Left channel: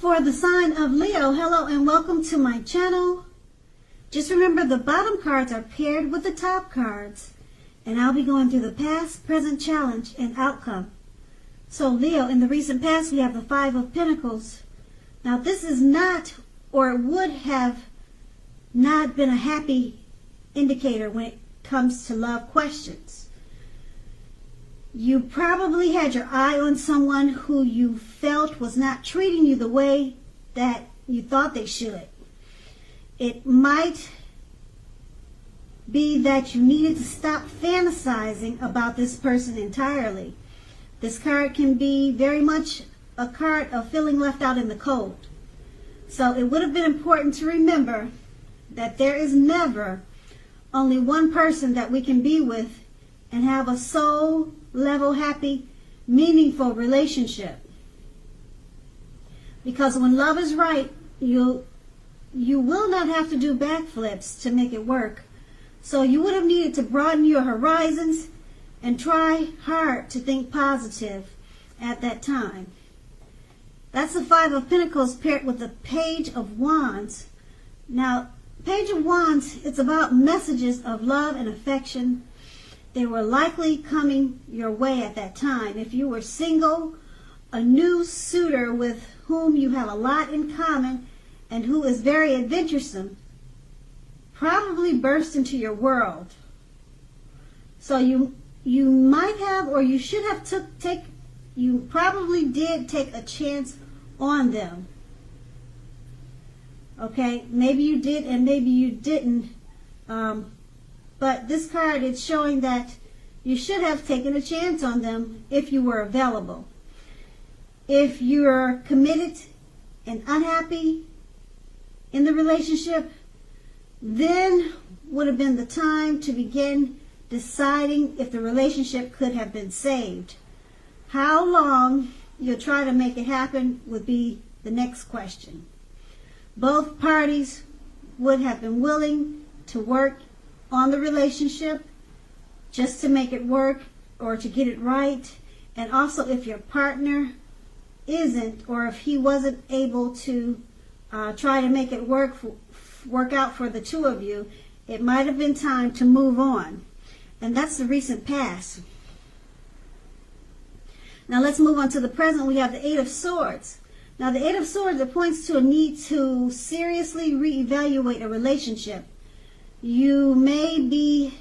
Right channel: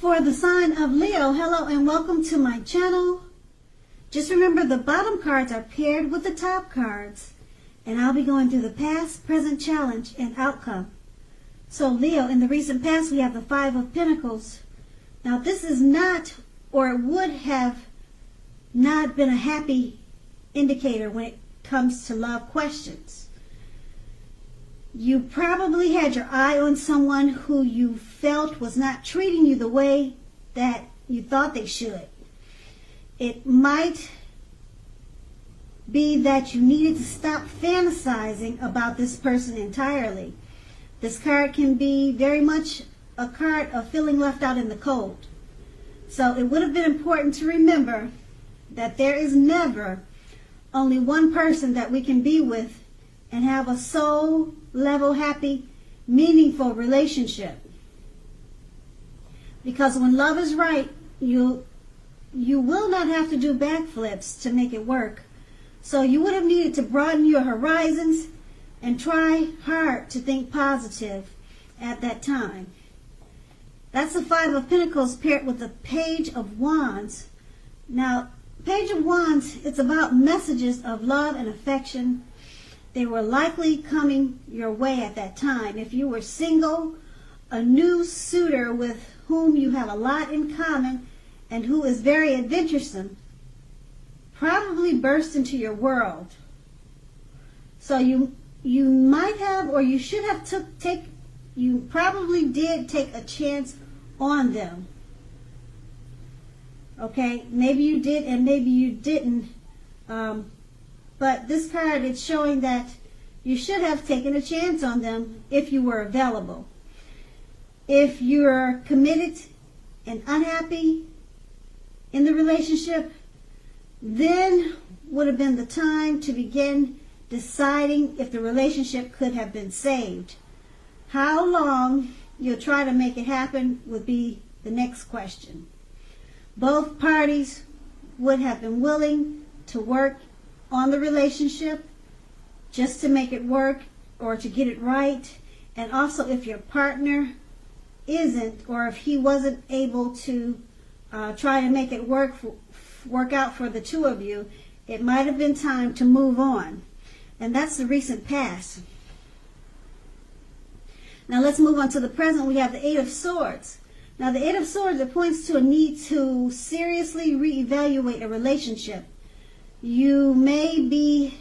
For the sign of Leo, hello and welcome to my channel. Just remember the bottom cards are paired with the top cards, and I'll be going through the past, present, challenge, and outcome. So Leo, in the recent past we have the Five of Pentacles. Now this is not, or it would have not been a happy indicator when it comes to love questions. You probably had your eye on someone who you felt was not treating you the way that you thought they should. It might be that you needed to stop fantasizing about this person entirely. This card can be very much a card of feeling left out in the cold. So it would have been important to remember that there is never only one person that we can be with and have a soul level, happy, meaningful relationship. Because when love is right, you will not have to do backflips to make it work. So you would have needed to broaden your horizons and try hard to think positive at that time. That's the Five of Pentacles paired with the Page of Wands. Now, Page of Wands, it's about messages of love and affection. They were likely coming your way at that time. If you were single, a new suitor with whom you have a lot in common and who is very adventuresome probably burst into your world. So you might have, or you should have you probably did take a chance on them. Okay, maybe you did and maybe you didn't. But this card is showing that you should have taken a chance on them if you were available. If you are committed and unhappy in the relationship, then would have been the time to begin deciding if the relationship could have been saved. How long you'll try to make it happen would be the next question. Both parties would have been willing to work on the relationship just to make it work or to get it right. And also if your partner isn't, or if he wasn't able to try to make it work out for the two of you, it might have been time to move on. And that's the recent past. Now let's move on to the present. We have the Eight of Swords. Now the Eight of Swords, it points to a need to seriously reevaluate a relationship. You may be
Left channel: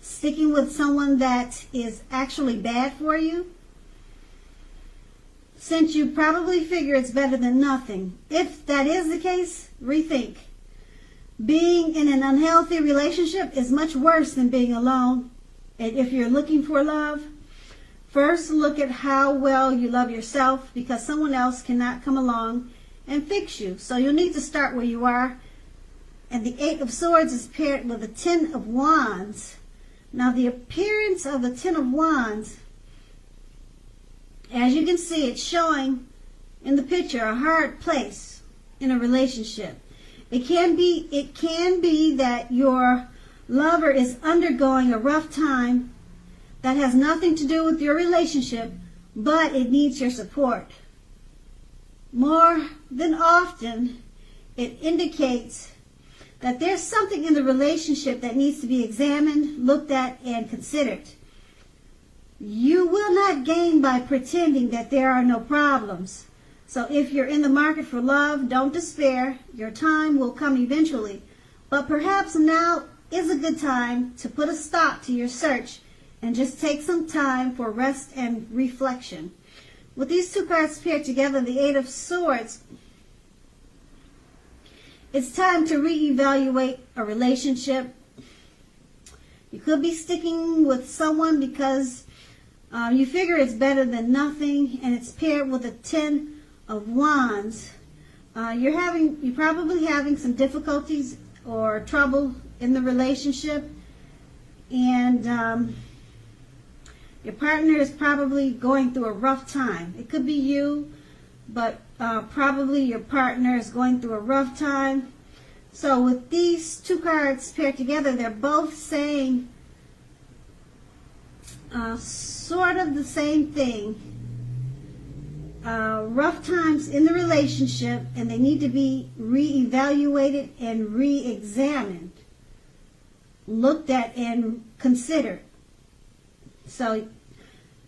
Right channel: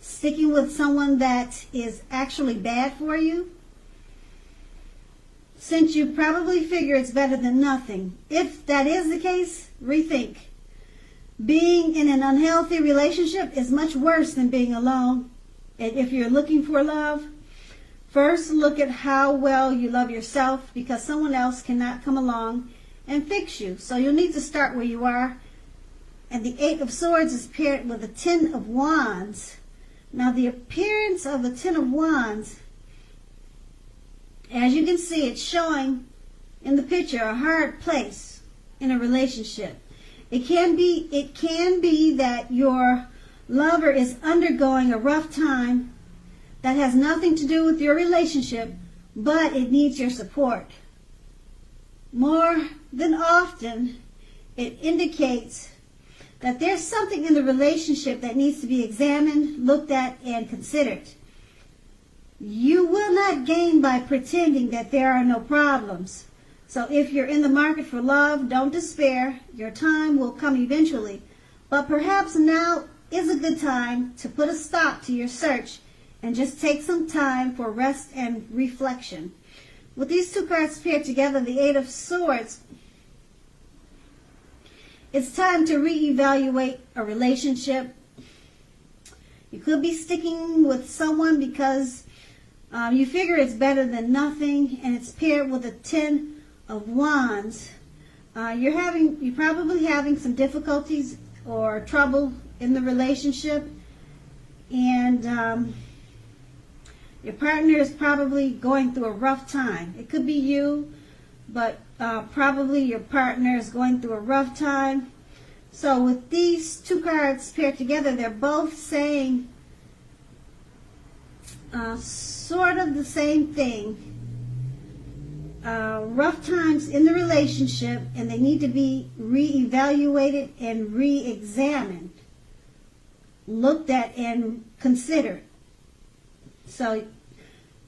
sticking with someone that is actually bad for you, since you probably figure it's better than nothing. If that is the case, rethink. Being in an unhealthy relationship is much worse than being alone. And if you're looking for love, first look at how well you love yourself, because someone else cannot come along and fix you. So you'll need to start where you are. And the Eight of Swords is paired with the Ten of Wands. Now the appearance of the Ten of Wands, as you can see, it's showing in the picture a hard place in a relationship. It can be that your lover is undergoing a rough time that has nothing to do with your relationship, but it needs your support. More than often, it indicates that there's something in the relationship that needs to be examined, looked at, and considered. You will not gain by pretending that there are no problems. So if you're in the market for love, don't despair. Your time will come eventually. But perhaps now is a good time to put a stop to your search and just take some time for rest and reflection. With these two cards paired together, the Eight of Swords, it's time to reevaluate a relationship. You could be sticking with someone because you figure it's better than nothing, and it's paired with a Ten of Wands. You're probably having some difficulties or trouble in the relationship, and your partner is probably going through a rough time. It could be you, but probably your partner is going through a rough time. So with these two cards paired together, they're both saying sort of the same thing. rough times in the relationship, and they need to be reevaluated and re-examined, looked at and considered. So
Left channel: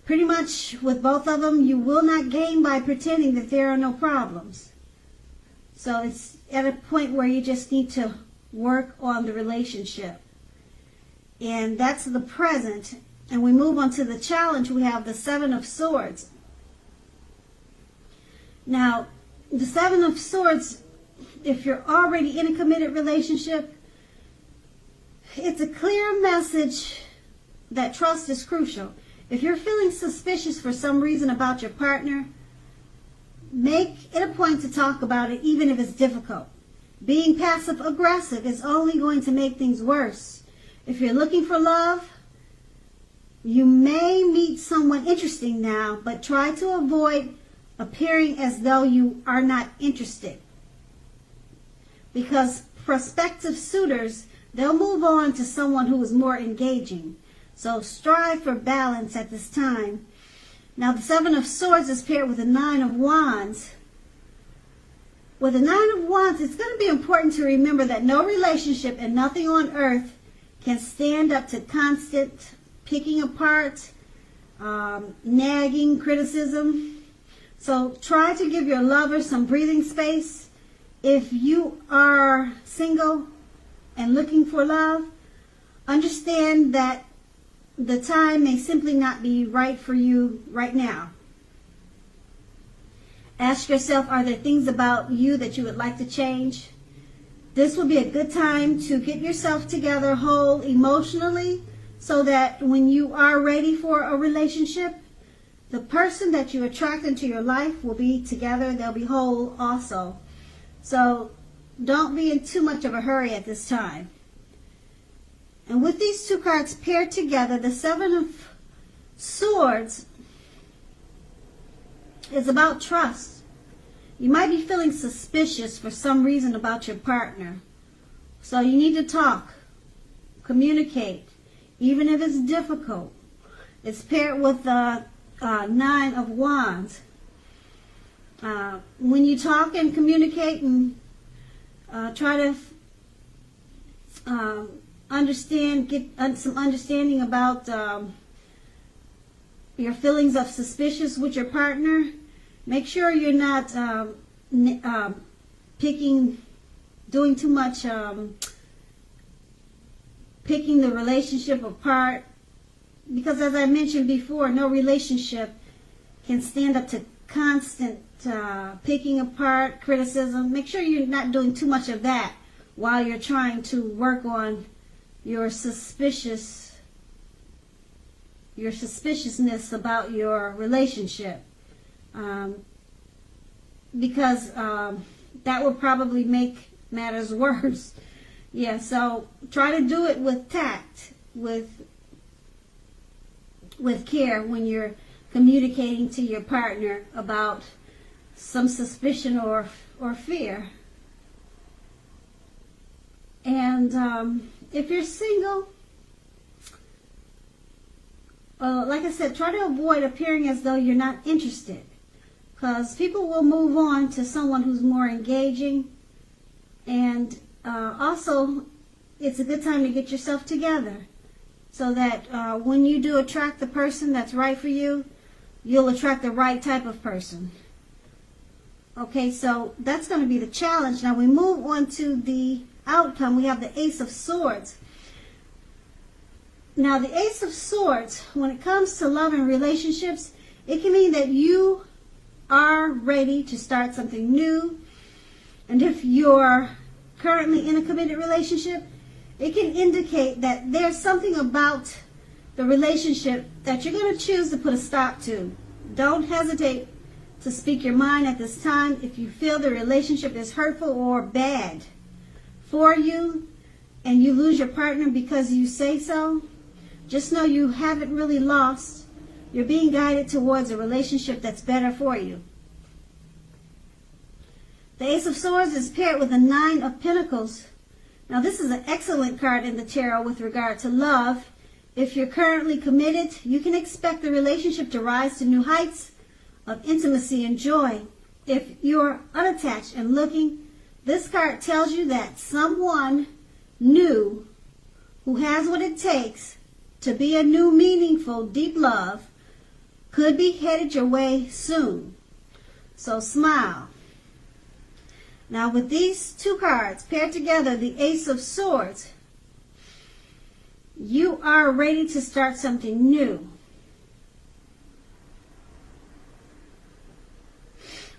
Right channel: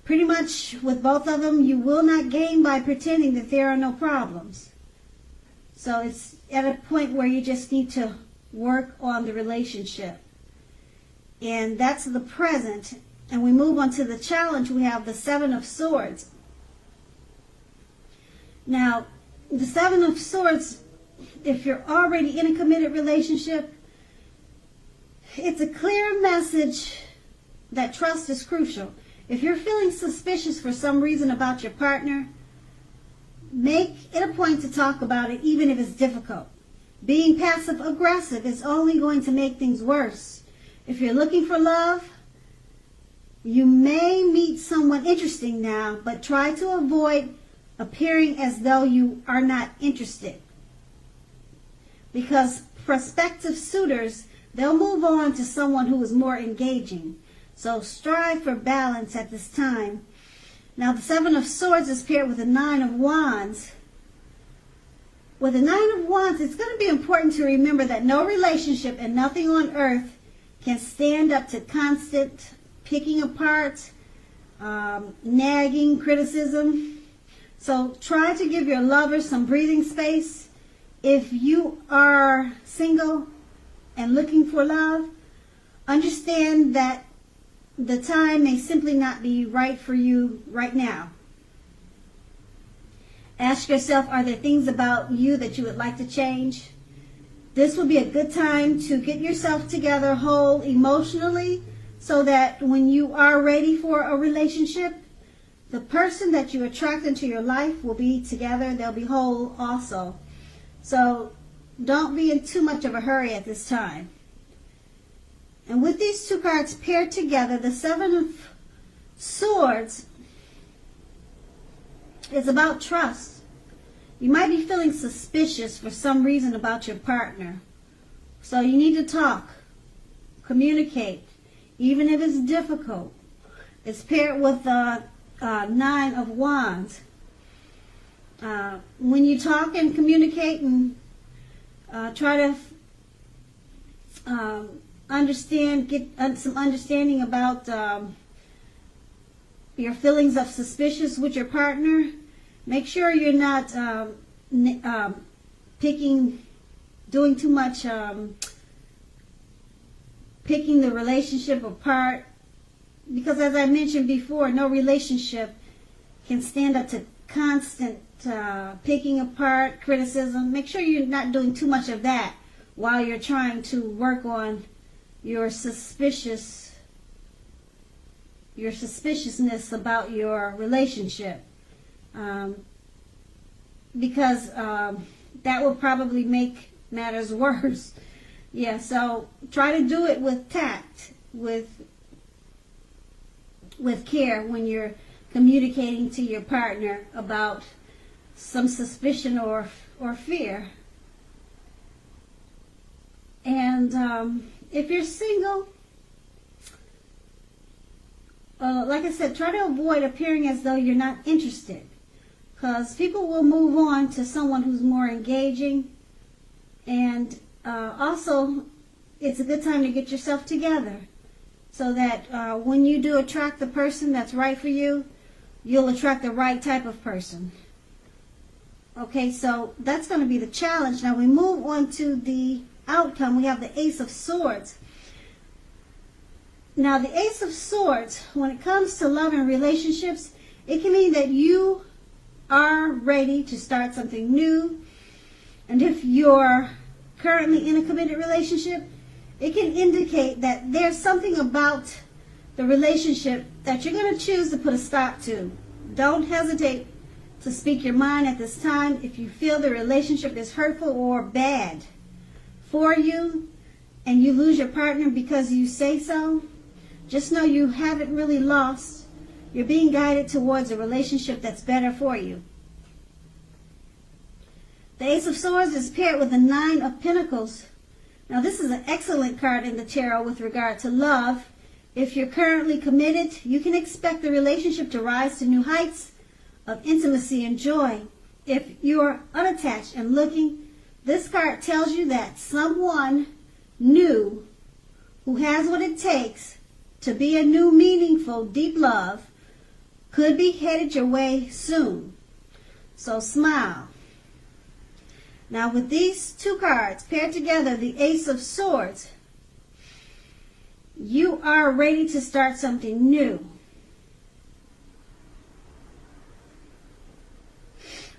pretty much with both of them, you will not gain by pretending that there are no problems. So it's at a point where you just need to work on the relationship. And that's the present. And we move on to the challenge. We have the Seven of Swords. Now, the Seven of Swords, if you're already in a committed relationship, it's a clear message that trust is crucial. If you're feeling suspicious for some reason about your partner, make it a point to talk about it, even if it's difficult. Being passive-aggressive is only going to make things worse. If you're looking for love, you may meet someone interesting now, but try to avoid appearing as though you are not interested. Because prospective suitors, they'll move on to someone who is more engaging. So strive for balance at this time. Now the Seven of Swords is paired with the Nine of Wands. With the Nine of Wands, it's going to be important to remember that no relationship and nothing on earth can stand up to constant picking apart, nagging, criticism. So try to give your lover some breathing space. If you are single and looking for love, understand that the time may simply not be right for you right now. Ask yourself, are there things about you that you would like to change? This will be a good time to get yourself together whole emotionally, so that when you are ready for a relationship, the person that you attract into your life will be together. They'll be whole also. So don't be in too much of a hurry at this time. And with these two cards paired together, the Seven of Swords is about trust. You might be feeling suspicious for some reason about your partner. So you need to talk, communicate, even if it's difficult. It's paired with Nine of Wands. When you talk and communicate and try to get some understanding about your feelings of suspicious with your partner, make sure you're not doing too much picking the relationship apart, because as I mentioned before, no relationship can stand up to constant picking apart, criticism. Make sure you're not doing too much of that while you're trying to work on your suspiciousness about your relationship, because that will probably make matters worse. Yeah, so try to do it with tact, with care when you're communicating to your partner about some suspicion or fear. And if you're single, like I said, try to avoid appearing as though you're not interested, because people will move on to someone who's more engaging. And also, it's a good time to get yourself together, so that when you do attract the person that's right for you, you'll attract the right type of person. Okay, so that's going to be the challenge. Now we move on to the outcome. We have the Ace of Swords. Now the Ace of Swords, when it comes to love and relationships, it can mean that you are ready to start something new. And if you're currently in a committed relationship, it can indicate that there's something about the relationship that you're going to choose to put a stop to. Don't hesitate to speak your mind at this time. If you feel the relationship is hurtful or bad for you, and you lose your partner because you say so, just know you haven't really lost. You're being guided towards a relationship that's better for you. The Ace of Swords is paired with the Nine of Pentacles. Now this is an excellent card in the tarot with regard to love. If you're currently committed, you can expect the relationship to rise to new heights of intimacy and joy. If you're unattached and looking, this card tells you that someone new who has what it takes to be a new, meaningful, deep love could be headed your way soon. So smile. Now with these two cards paired together, the Ace of Swords, you are ready to start something new.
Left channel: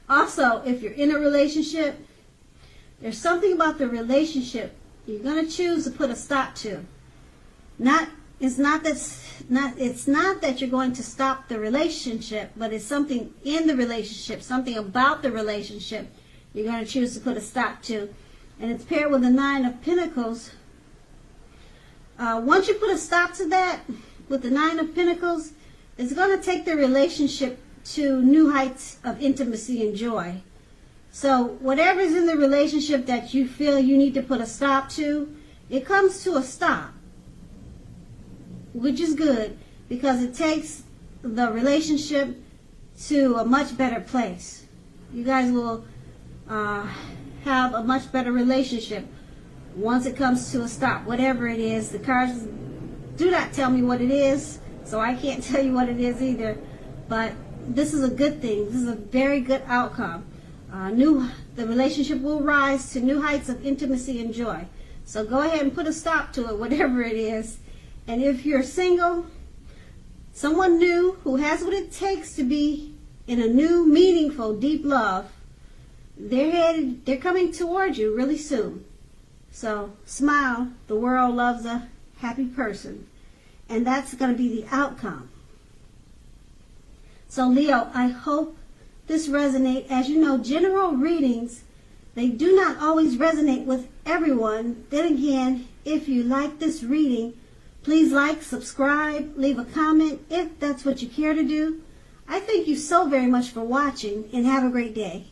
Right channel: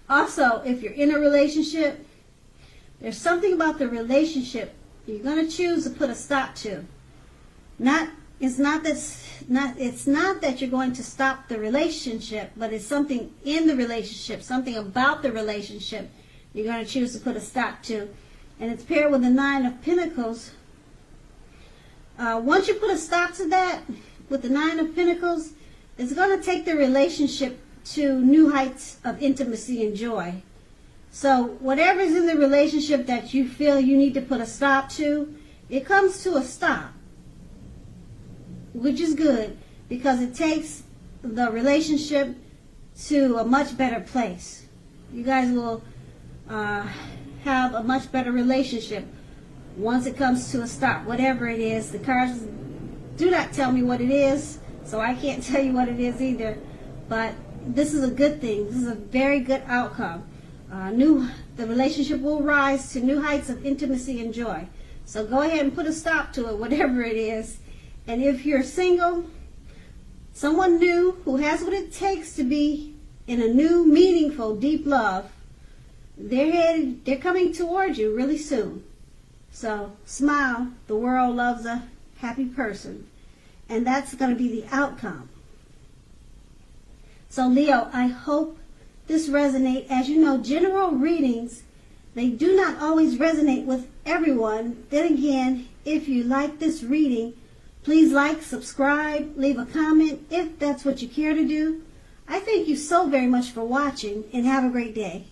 Also, if you're in a relationship, there's something about the relationship you're going to choose to put a stop to. It's not that you're going to stop the relationship, but it's something in the relationship, something about the relationship you're going to choose to put a stop to. And it's paired with the Nine of Pentacles. Once you put a stop to that with the Nine of Pentacles, it's going to take the relationship to new heights of intimacy and joy. So whatever's in the relationship that you feel you need to put a stop to, it comes to a stop, which is good because it takes the relationship to a much better place. You guys will have a much better relationship once it comes to a stop. Whatever it is, the cards do not tell me what it is, so I can't tell you what it is either. But this is a good thing. This is a very good outcome. The relationship will rise to new heights of intimacy and joy. So go ahead and put a stop to it, whatever it is. And if you're single, someone new who has what it takes to be in a new, meaningful, deep love, they're coming towards you really soon. So smile. The world loves a happy person. And that's going to be the outcome. So Leo, I hope this resonates. As you know, general readings, they do not always resonate with everyone. Then again, if you like this reading, please like, subscribe, leave a comment if that's what you care to do. I thank you so very much for watching and have a great day.